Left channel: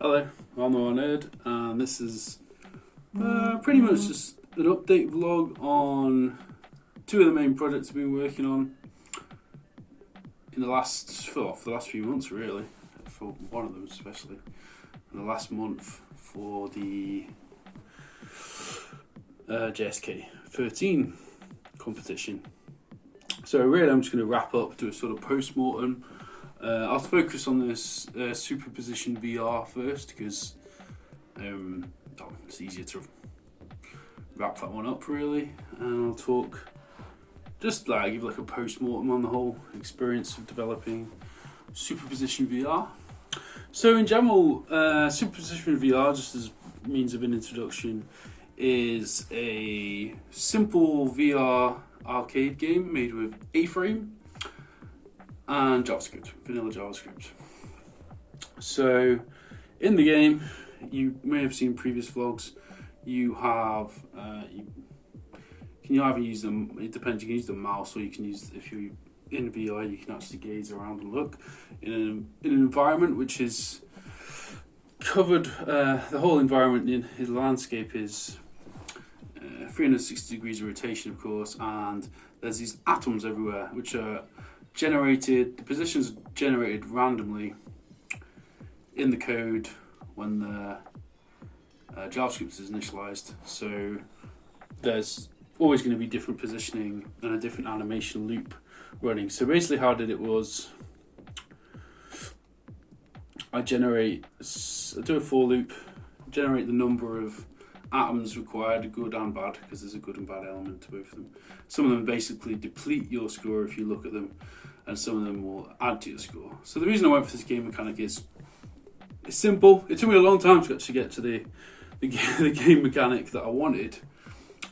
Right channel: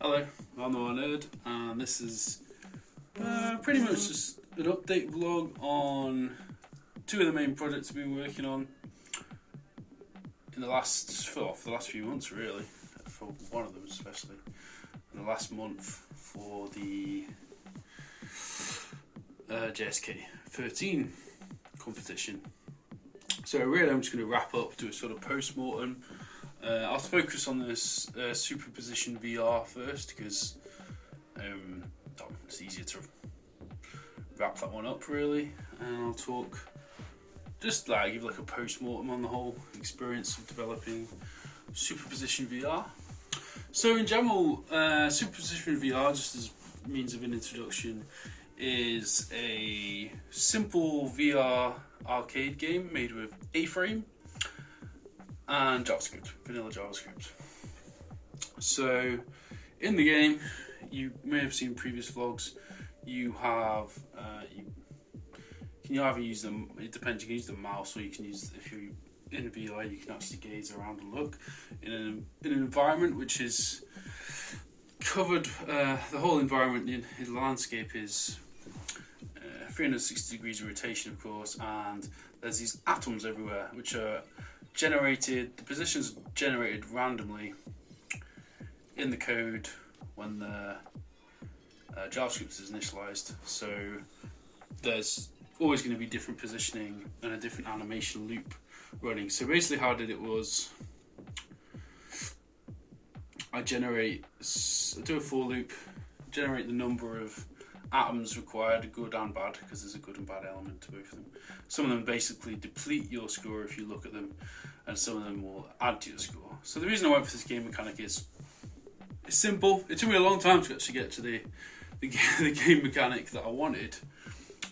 Hello, I'm NoirNerd, and this is pretty much just an update vlog on two of the main projects I've been working on in the last, for the last few months really, for one of them especially, in the last month for the JSK13 competition. So really I'm just going to wrap up, do a sort of post-mortem. I'll focus on this Superposition Vr first because it's easier to wrap that one up really, and I'll talk just like give like a post-mortem on the whole experience of developing Superposition Vr. So in general, Superposition Vr, just as means of an introduction, is a simple VR arcade game made with A-frame and JavaScript, vanilla JavaScript. So in the game, you may have seen previous vlogs, you have you can either use them, it depends, you can use the mouse, or you can use, if you're in VR, you can actually gaze around and look in an environment which is covered, the whole environment in the landscape is 360 degrees of rotation, of course, and there's these atoms everywhere which are generated, the positions are generated randomly in the code when the JavaScript is initialized. So there's always going to be different positioning and a different animation loop running. So basically how I did it was I do a for loop, generate the number of atoms required, good and bad, because there's a good and bad element to both of them. Some of them basically deplete your score if you look at them, and some of them will add to your score. So the reason I went for this game mechanic is it's simple. It took me a long time to actually get to the game mechanic that I wanted.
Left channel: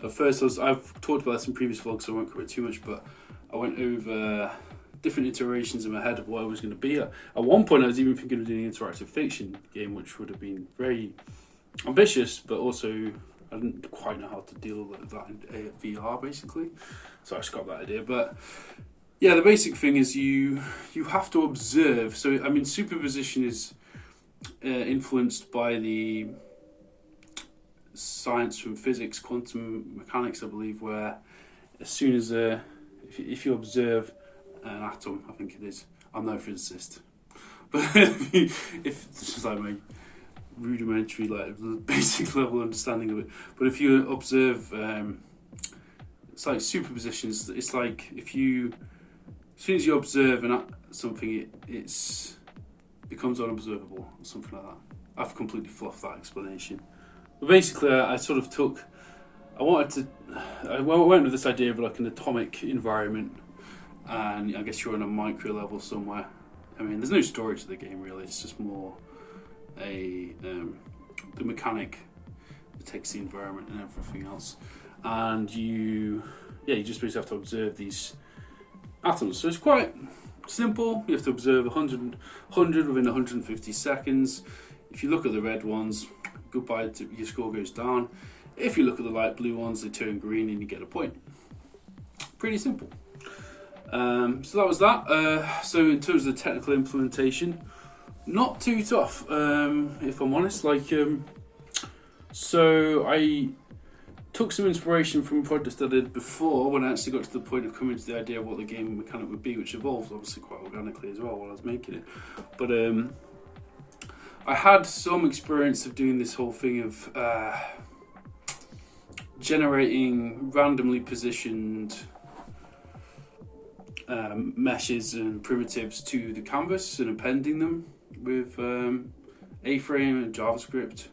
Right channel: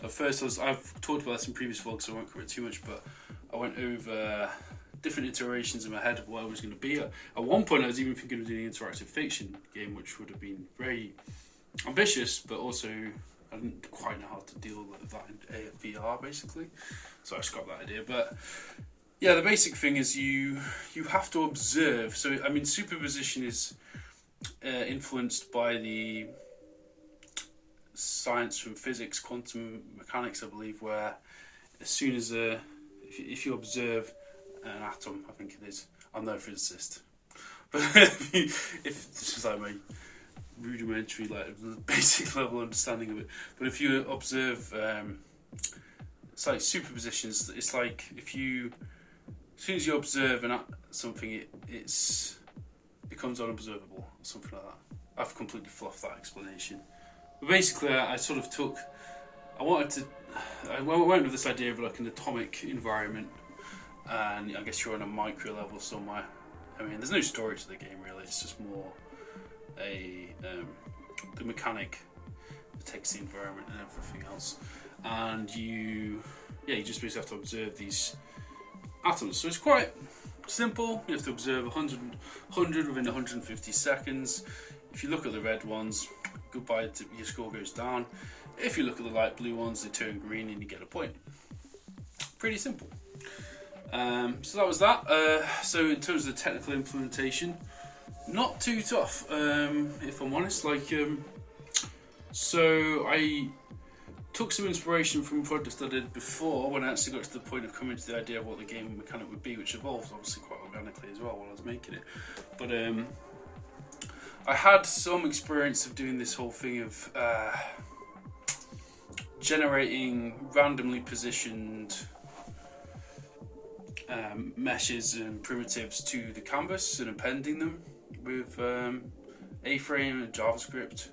At first, I've talked about this in previous vlogs, so I won't cover it too much, but I went over different iterations in my head of what I was going to be. At one point, I was even thinking of doing an interactive fiction game, which would have been very ambitious, but also I didn't quite know how to deal with that in VR, basically. So I scrapped that idea. But yeah, the basic thing is you have to observe. So I mean, superposition is influenced by the science from physics, quantum mechanics, I believe, where as soon as if you observe an atom, I think it is. I'm no physicist, but if it's just like my rudimentary, like basic level understanding of it. But if you observe, it's like superpositions. It's like as soon as you observe something, it becomes unobservable or something like that. I've completely fluffed that explanation. But basically, I went with this idea of like an atomic environment, and I guess you're on a micro level somewhere. I mean, there's no story to the game really. It's just more the mechanic that takes the environment and everything else, and you just basically have to observe these atoms. So it's quite simple. You have to observe 100 within 150 seconds. If you look at the red ones, goodbye, your score goes down. If you look at the light blue ones, they turn green and you get a point. Pretty simple. So that was that. So in terms of the technical implementation, not too tough, if I'm honest. So I took some inspiration from projects I did before when I actually got to the point of coming to the idea of what the game mechanic would be, which evolved obviously quite organically as well while I was making it. But I had some experience of doing this whole thing of generating randomly positioned meshes and primitives to the canvas and appending them with A-frame and JavaScript.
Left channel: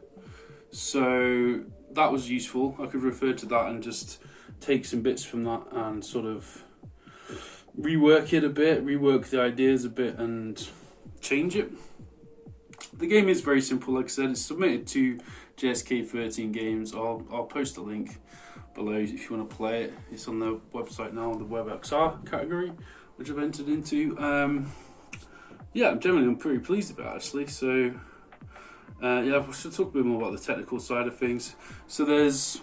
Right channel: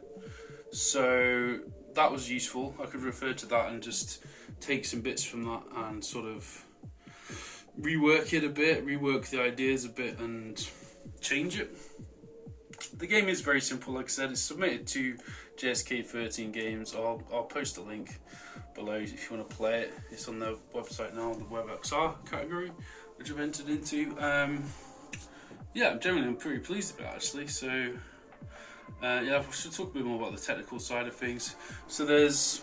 So that was useful. I could refer to that and just take some bits from that and sort of rework it a bit, rework the ideas a bit and change it. The game is very simple, like I said. It's submitted to JSK13K Games. I'll post a link below if you want to play it. It's on the website now, on the WebXR category, which I've entered into. Yeah, I'm pretty pleased about it actually. So yeah, I should talk a bit more about the technical side of things. So there's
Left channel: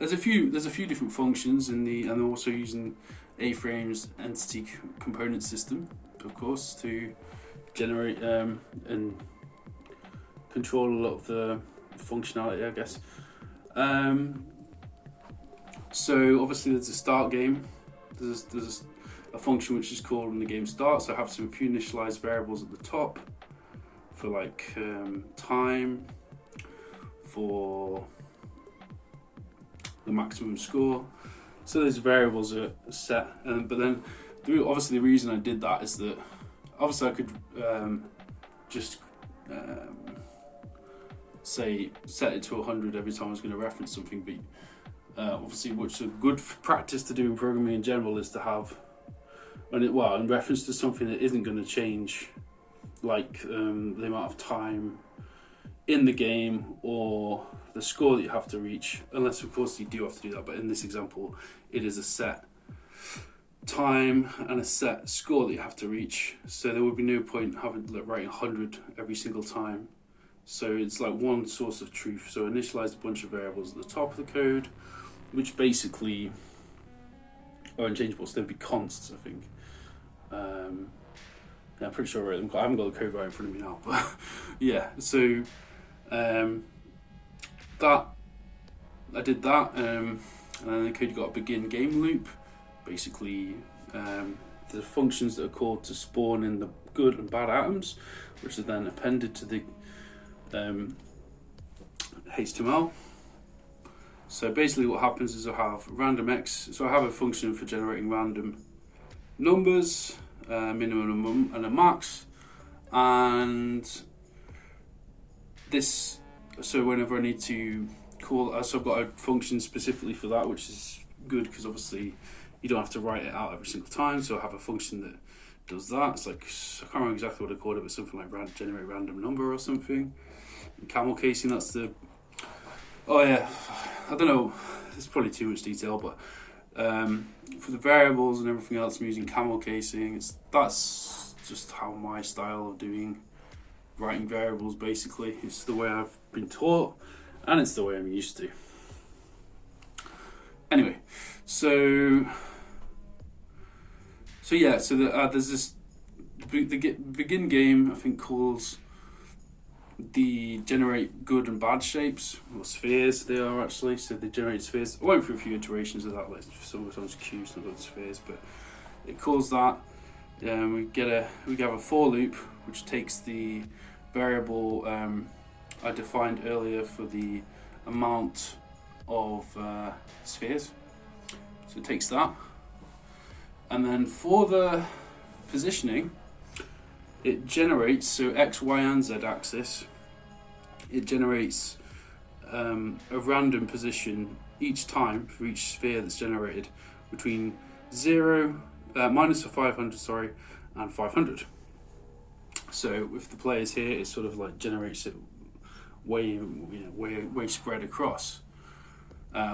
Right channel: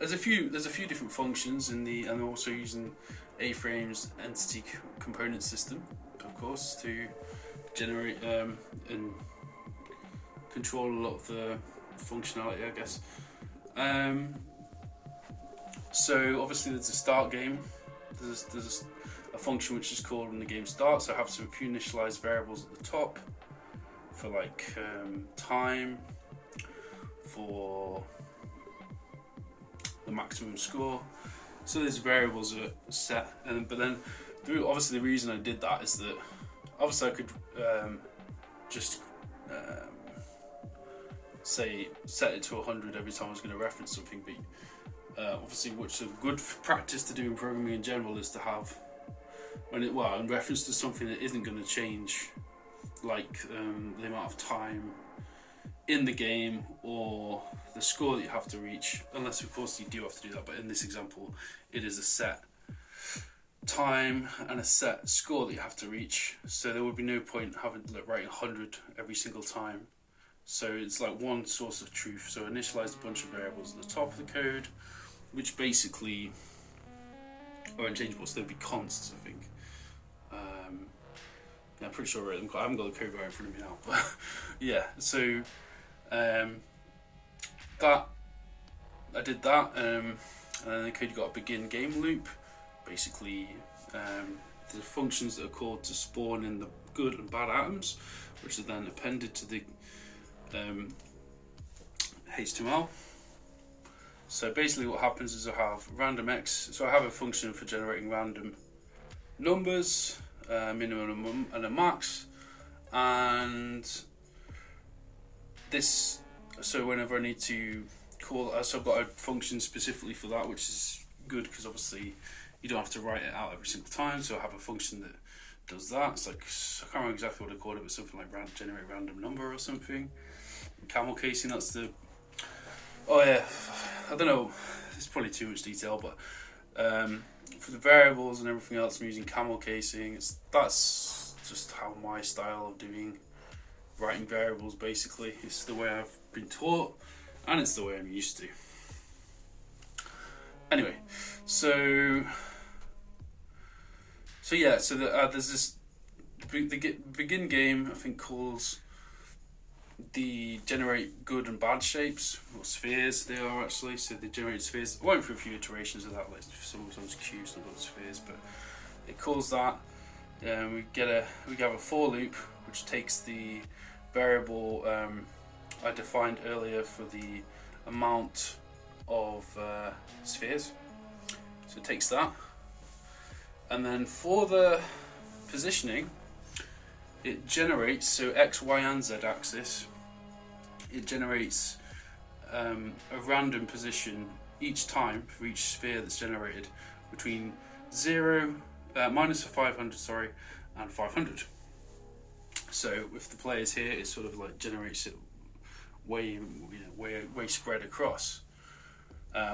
a few different functions in the, and also using A-frame's entity component system, of course, to generate and control a lot of the functionality, I guess. So obviously there's a start game. There's a function which is called when the game starts. So I have some few initialized variables at the top for like time, for the maximum score. So those variables are set, but then obviously the reason I did that is that obviously I could just say set it to 100 every time I was going to reference something, but obviously what's a good practice to do in programming in general is to have, in reference to something that isn't going to change, like the amount of time in the game or the score that you have to reach, unless of course you do have to do that, but in this example it is a set time and a set score that you have to reach, so there would be no point writing 100 every single time. So it's like one source of truth. So I initialized a bunch of variables at the top of the code, which basically are unchangeable, so they'd be consts, I think. Yeah, I'm pretty sure I wrote them. I haven't got the code right in front of me now, but yeah. So that I did that, and then the code got a begin game loop. Basically, the functions that are called to spawn in the good and bad atoms, which are then appended to the HTML. So basically what happens is I have random x, so I have a function for generating random numbers, minimum and a max, and this, so whenever I need to call, so I've got a function specifically for that, which is good because obviously you don't have to write it out every single time. So I have a function that does that. It's like, I can't remember exactly what I called it, but something like generate random number or something. Camel casing, that's the, oh yeah, I don't know, it's probably too much detail, but for the variables and everything else I'm using camel casing. That's just how my style of writing variables basically. It's the way I've been taught and it's the way I'm used to. Anyway, so yeah, so there's this, the begin game I think calls the generate good and bad shapes, or spheres they are actually, so they generate spheres. I went through a few iterations of that, like sometimes cubes, sometimes spheres, but it calls that. We have a for loop which takes the variable I defined earlier for the amount of spheres, so it takes that, and then for the positioning it generates, so X, Y and Z axis, it generates a random position each time for each sphere that's generated between minus 500 and 500. So if the player's here, it sort of like generates it way spread across,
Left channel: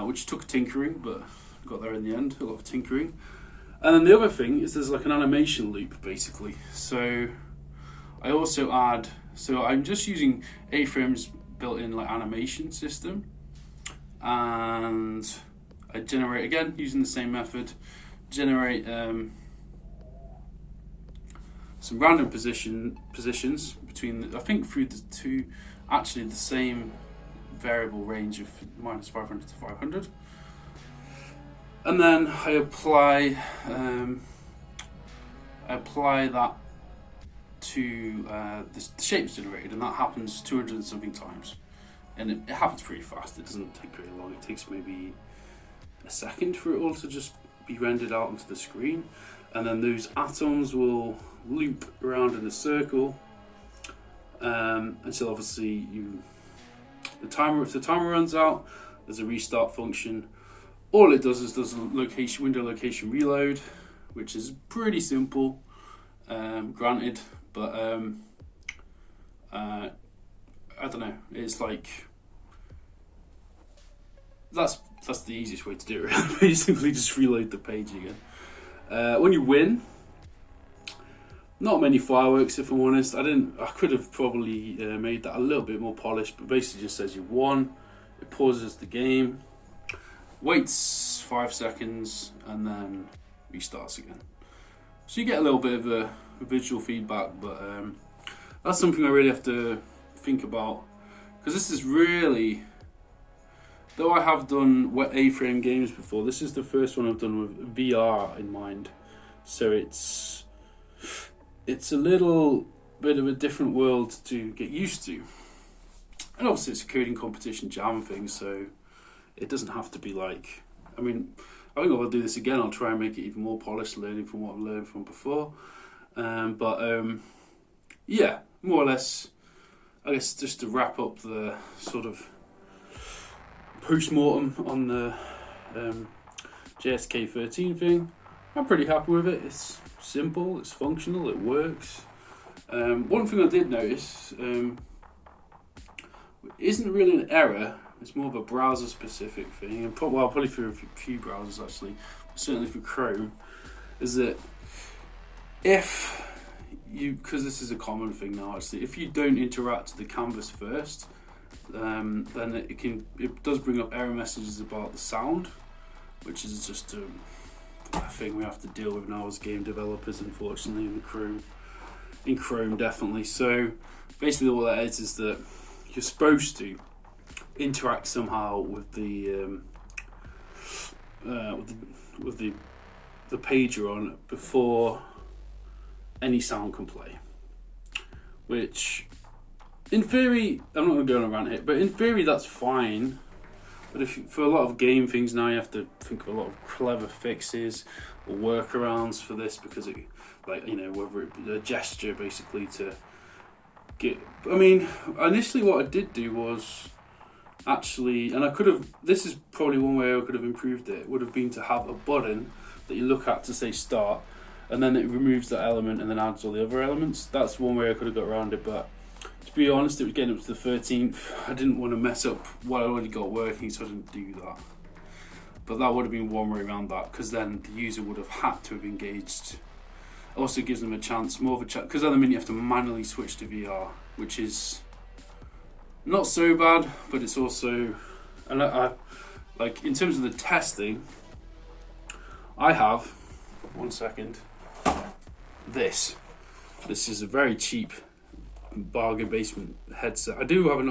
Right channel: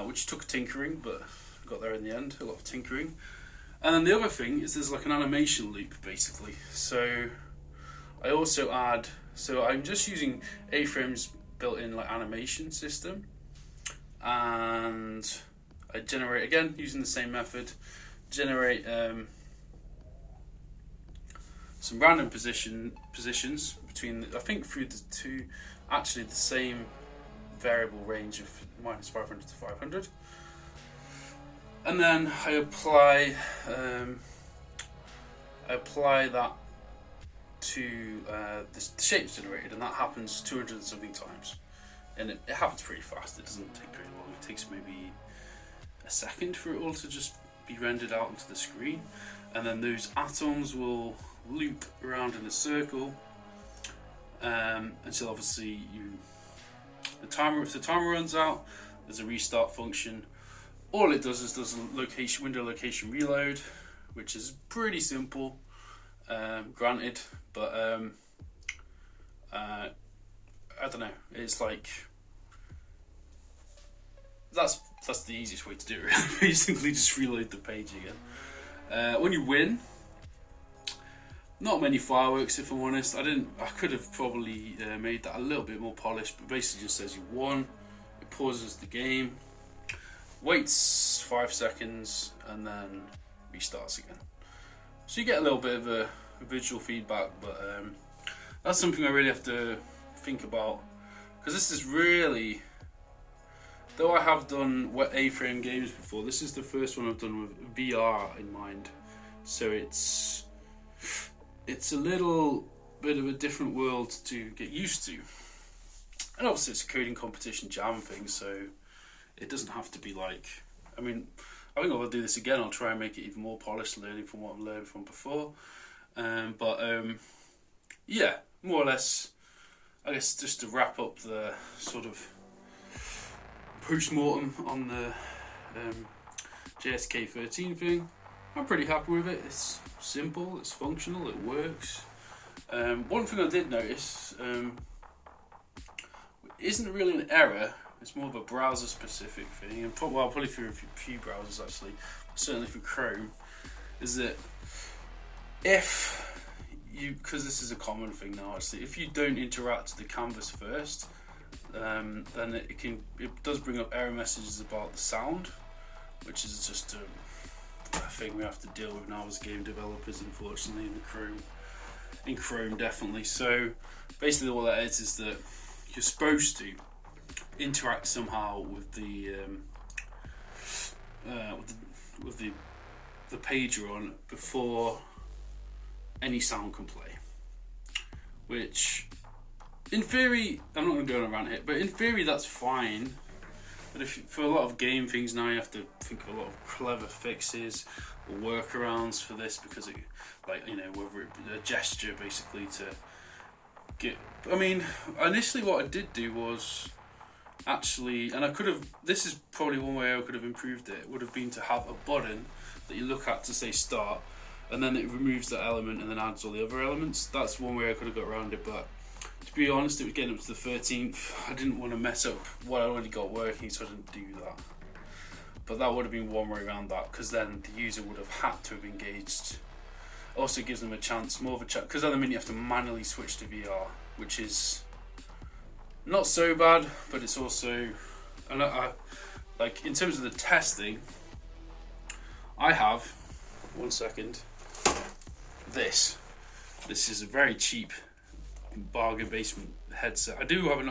which took tinkering, but got there in the end, a lot of tinkering. And then the other thing is there's like an animation loop basically. So I also add, so I'm just using A-Frame's built-in like animation system, and I generate, again using the same method, generate some random positions between, I think through the two, actually the same variable range of minus 500 to 500, and then I apply that to the shapes generated, and that happens 200 and something times, and it happens pretty fast. It doesn't take very long. It takes maybe a second for it all to just be rendered out onto the screen, and then those atoms will loop around in a circle until obviously if the timer runs out, there's a restart function. All it does is window location reload, which is pretty simple, granted, but I don't know, it's like that's the easiest way to do it really. Basically just reload the page again. When you win, not many fireworks if I'm honest. I could have probably made that a little bit more polished, but basically just says you won. It pauses the game, waits 5 seconds, and then restarts again. So you get a little bit of a visual feedback, but that's something I really have to think about, because this is really, though I have done A-frame games before, this is the first one I've done with VR in mind. So it's a little bit of a different world to get used to. And obviously it's a coding competition jam thing, so it doesn't have to be like, I mean, I think I'll do this again. I'll try and make it even more polished, learning from what I've learned from before. Yeah, more or less, I guess just to wrap up the sort of post-mortem on the JSK13 thing, I'm pretty happy with it. It's simple, it's functional, it works. One thing I did notice isn't really an error, it's more of a browser specific thing, and probably for a few browsers actually, certainly for Chrome, is that if you, because this is a common thing now actually, if you don't interact with the canvas first, then it does bring up error messages about the sound, which is just a thing we have to deal with now as game developers, unfortunately, in Chrome definitely. So basically what that is that you're supposed to interact somehow with the page you're on before any sound can play, which in theory, I'm not going to go on a rant here, but in theory that's fine. But for a lot of game things now, you have to think of a lot of clever fixes or workarounds for this, because it, like, you know, whether it be a gesture basically to get. I mean, initially what I did do was actually, and I could have. This is probably one way I could have improved it. Would have been to have a button that you look at to say start, and then it removes that element and then adds all the other elements. That's one way I could have got around it, but to be honest, it was getting up to the 13th. I didn't want to mess up what I already got working, so I didn't do that. But that would have been one way around that, because then the user would have had to have engaged. Also gives them a chance, more of a chance, because at the minute you have to manually switch to VR, which is not so bad, but it's also, and I like in terms of the testing, I have, one second, this is a very cheap bargain basement headset. I did have an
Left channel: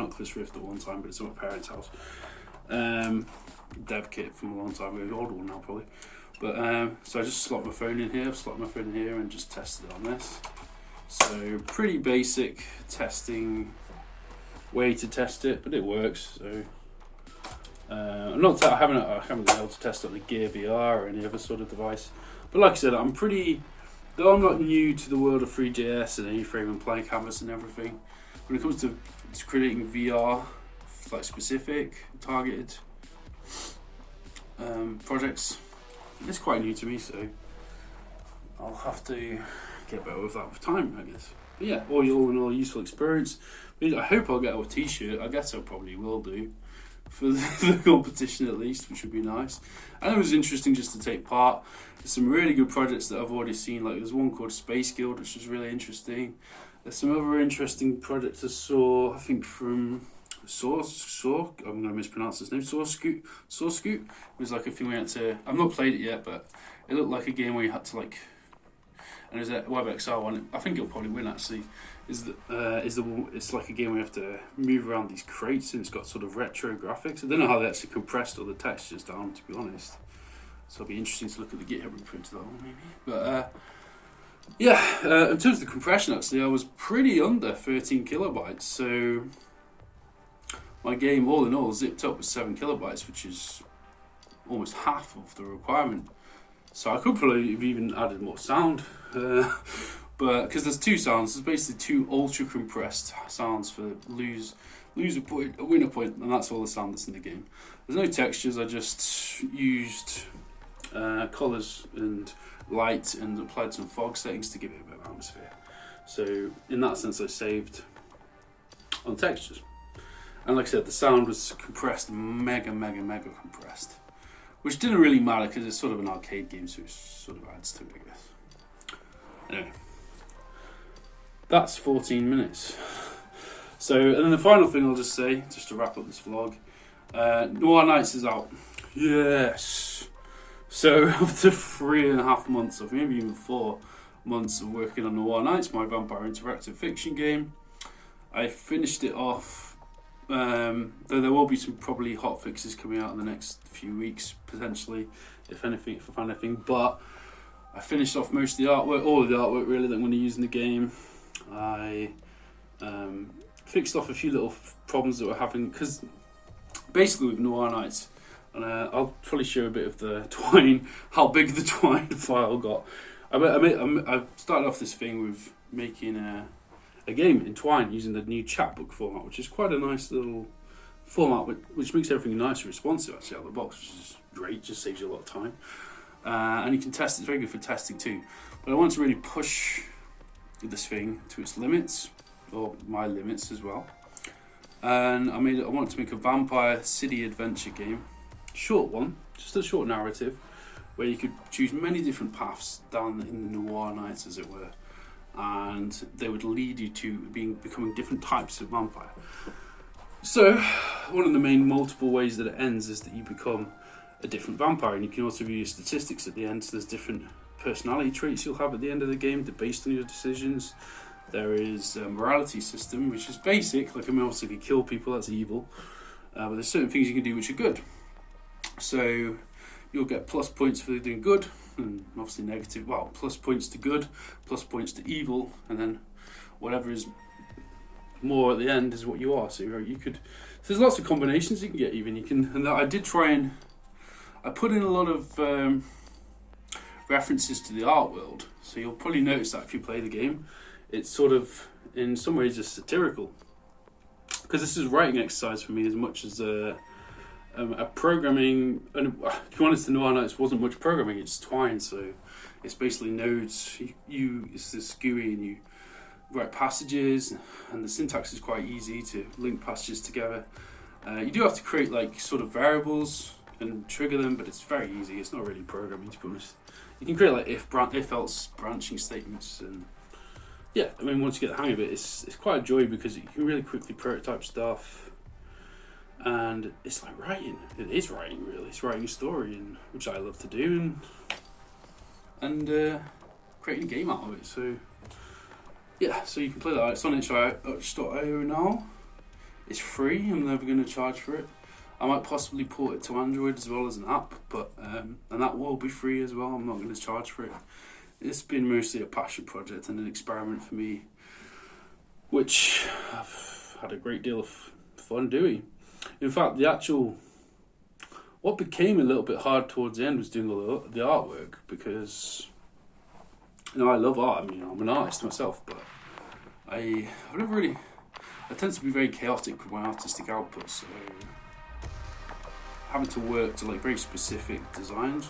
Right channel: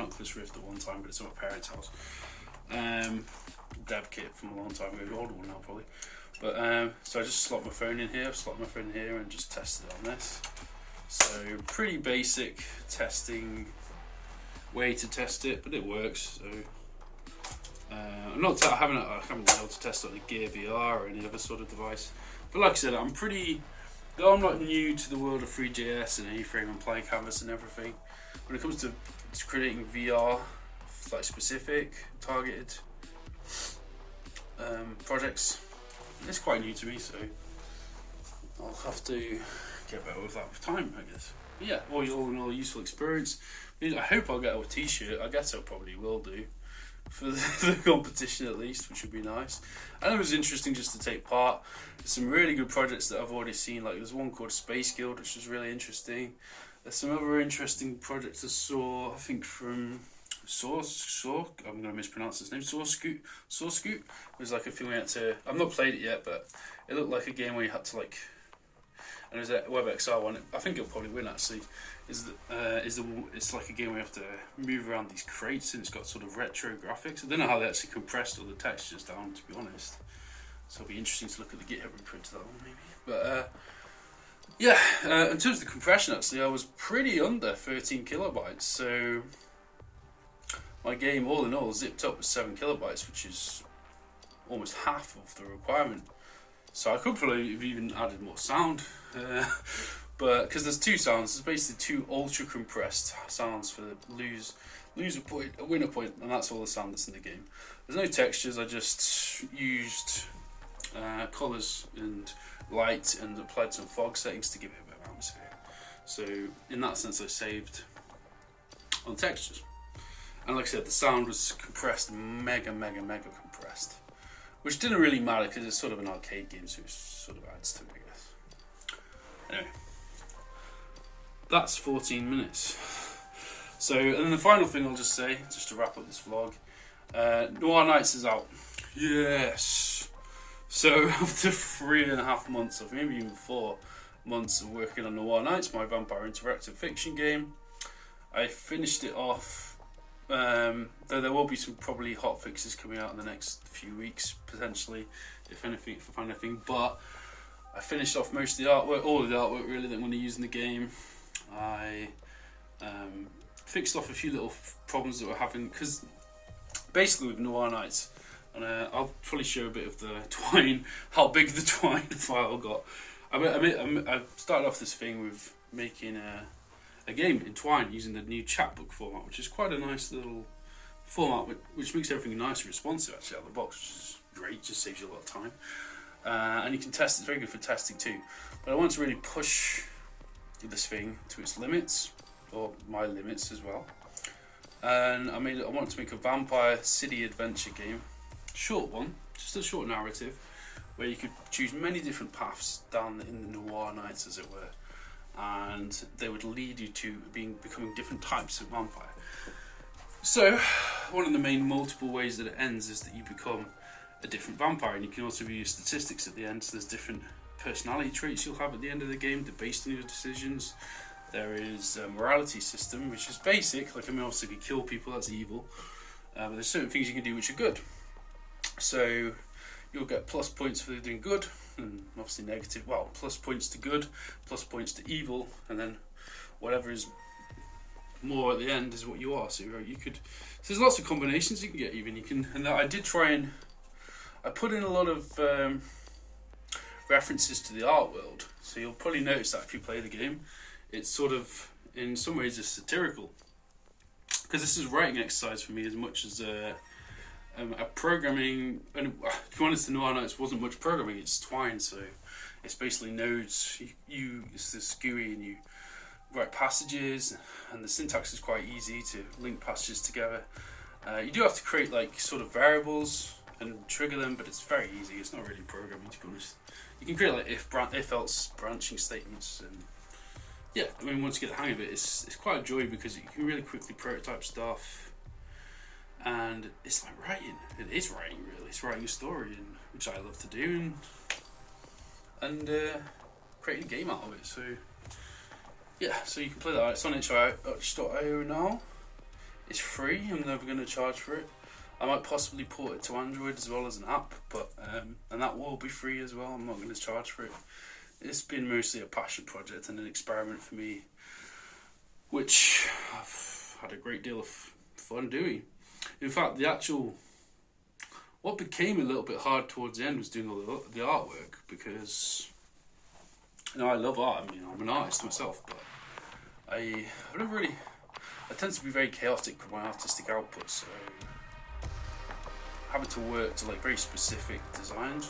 Oculus Rift at one time, but it's at my parents' house. Dev kit from a long time ago, an old one now probably. But so I just slot my phone in here, and just tested it on this. So pretty basic testing way to test it, but it works. So I haven't been able to test it on the Gear VR or any other sort of device. But like I said, though I'm not new to the world of 3JS and A-frame and playing canvas and everything, when it comes to creating VR, like specific, targeted projects, it's quite new to me, so I'll have to get better with that with time, I guess. But yeah, all in all, useful experience. I hope I'll get a t-shirt. I guess I probably will do for the competition at least, which would be nice. And it was interesting just to take part. There's some really good projects that I've already seen, like there's one called Space Guild, which was really interesting. There's some other interesting projects I saw, I think from I'm going to mispronounce his name, Scoot. It was like a thing we had to, I've not played it yet, but it looked like a game where you had to like, and it was a WebXR one, I think it'll probably win actually, it's like a game where you have to move around these crates, and it's got sort of retro graphics. I don't know how they actually compressed all the textures down, to be honest. So it'll be interesting to look at the GitHub reprint of that one maybe. But yeah, in terms of the compression actually, I was pretty under 13 kilobytes, so my game all in all zipped up with 7 kilobytes, which is almost half of the requirement. So I could probably have even added more sound, but because there's two sounds, there's basically two ultra compressed sounds for lose a point, a win a point, and that's all the sound that's in the game. There's no textures. I just used colours and light and applied some fog settings to give it a bit of atmosphere. So in that sense, I saved on textures. And like I said, the sound was compressed, mega compressed, which didn't really matter because it's sort of an arcade game, so it sort of adds to it, I guess. Anyway, that's 14 minutes. So, and then the final thing I'll just say, just to wrap up this vlog, Noir Nights is out. Yes. So after 3.5 months, or maybe even 4, months of working on Noir Nights, my vampire interactive fiction game. I finished it off, though there will be some probably hot fixes coming out in the next few weeks, potentially, if anything, if I find anything, but I finished off most of the artwork, all of the artwork really that I'm going to use in the game. I fixed off a few little problems that we're having, because basically with Noir Nights, and I'll probably show a bit of the twine, how big the twine file got. I started off this thing with making a game in twine using the new chapbook format, which is quite a nice little format, which makes everything nice and responsive actually out of the box, which is great, just saves you a lot of time. And you can test, it's very good for testing too. But I want to really push this thing to its limits, or my limits as well. And I want to make a vampire city adventure game, short one, just a short narrative, where you could choose many different paths down in the Noir Nights, as it were, and they would lead you to becoming different types of vampire. So one of the main multiple ways that it ends is that you become a different vampire, and you can also view your statistics at the end. So there's different personality traits you'll have at the end of the game based on your decisions. There is a morality system, which is basic, like obviously if you kill people, that's evil, but there's certain things you can do which are good. So you'll get plus points for doing good, and obviously negative, well, plus points to good, plus points to evil, and then whatever is more at the end is what you are. So you could, so there's lots of combinations you can get even. You can, and I did try and, I put in a lot of references to the art world, so you'll probably notice that if you play the game, it's sort of, in some ways, just satirical. Because this is a writing exercise for me as much as a programming, and if you want us to know, Noir Nights wasn't much programming, it's twine, so it's basically nodes, it's this GUI, and you write passages, and the syntax is quite easy to link passages together. You do have to create like sort of variables and trigger them, but it's very easy, it's not really programming, to be honest. You can create like if else branching statements, and yeah, I mean, once you get the hang of it, it's quite a joy, because you can really quickly prototype stuff. And it's like writing. It is writing, really. It's writing a story, which I love to do, and creating a game out of it. So yeah, so you can play that. It's on itch.io now. It's free. I'm never going to charge for it. I might possibly port it to Android as well as an app, but and that will be free as well. I'm not going to charge for it. It's been mostly a passion project and an experiment for me, which I've had a great deal of fun doing. In fact, what became a little bit hard towards the end was doing all the artwork, because I love art. I mean, I'm an artist myself, but I tend to be very chaotic with my artistic output, so having to work to like very specific designs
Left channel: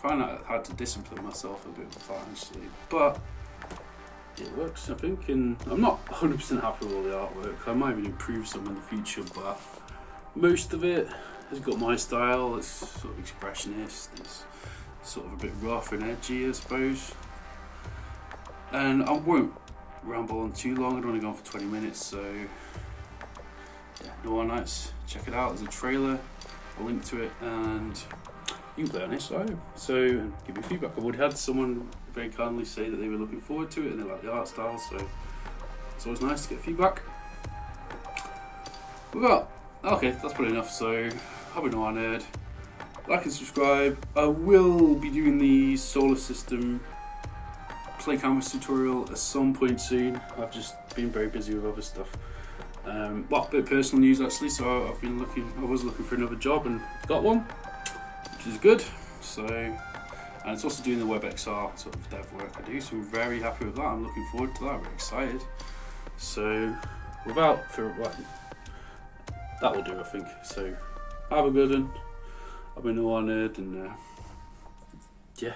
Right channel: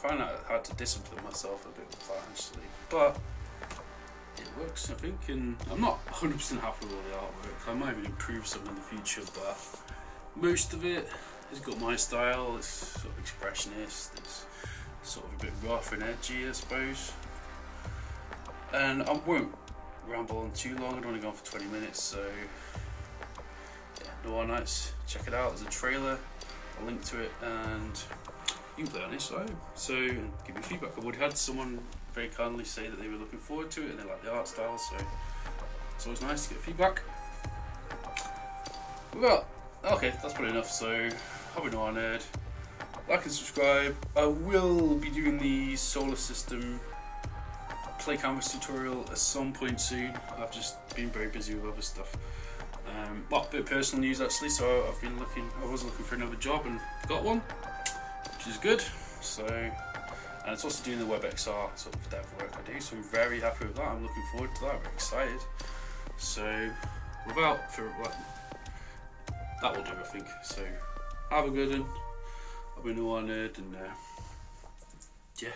I find that I had to discipline myself a bit with that, actually, but it works, I think, and I'm not 100% happy with all the artwork. I might even improve some in the future, but most of it has got my style. It's sort of expressionist, it's sort of a bit rough and edgy, I suppose. And I won't ramble on too long, I've only gone for 20 minutes, so yeah, Noir Nights, check it out. There's a trailer, a link to it, and you can play on itch.io, so give me feedback. I've already had someone very kindly say that they were looking forward to it and they like the art style, so it's always nice to get feedback. Well, okay, that's probably enough, so have a Noir Nerd, like and subscribe. I will be doing the solar system play canvas tutorial at some point soon. I've just been very busy with other stuff. Well, a bit of personal news actually, so I was looking for another job and got one, which is good. So, and it's also doing the WebXR sort of dev work I do, so I'm very happy with that. I'm looking forward to that, I'm excited. So, without further ado, that will do, I think. So, have a good one. I've been Noir Nerd, and yeah.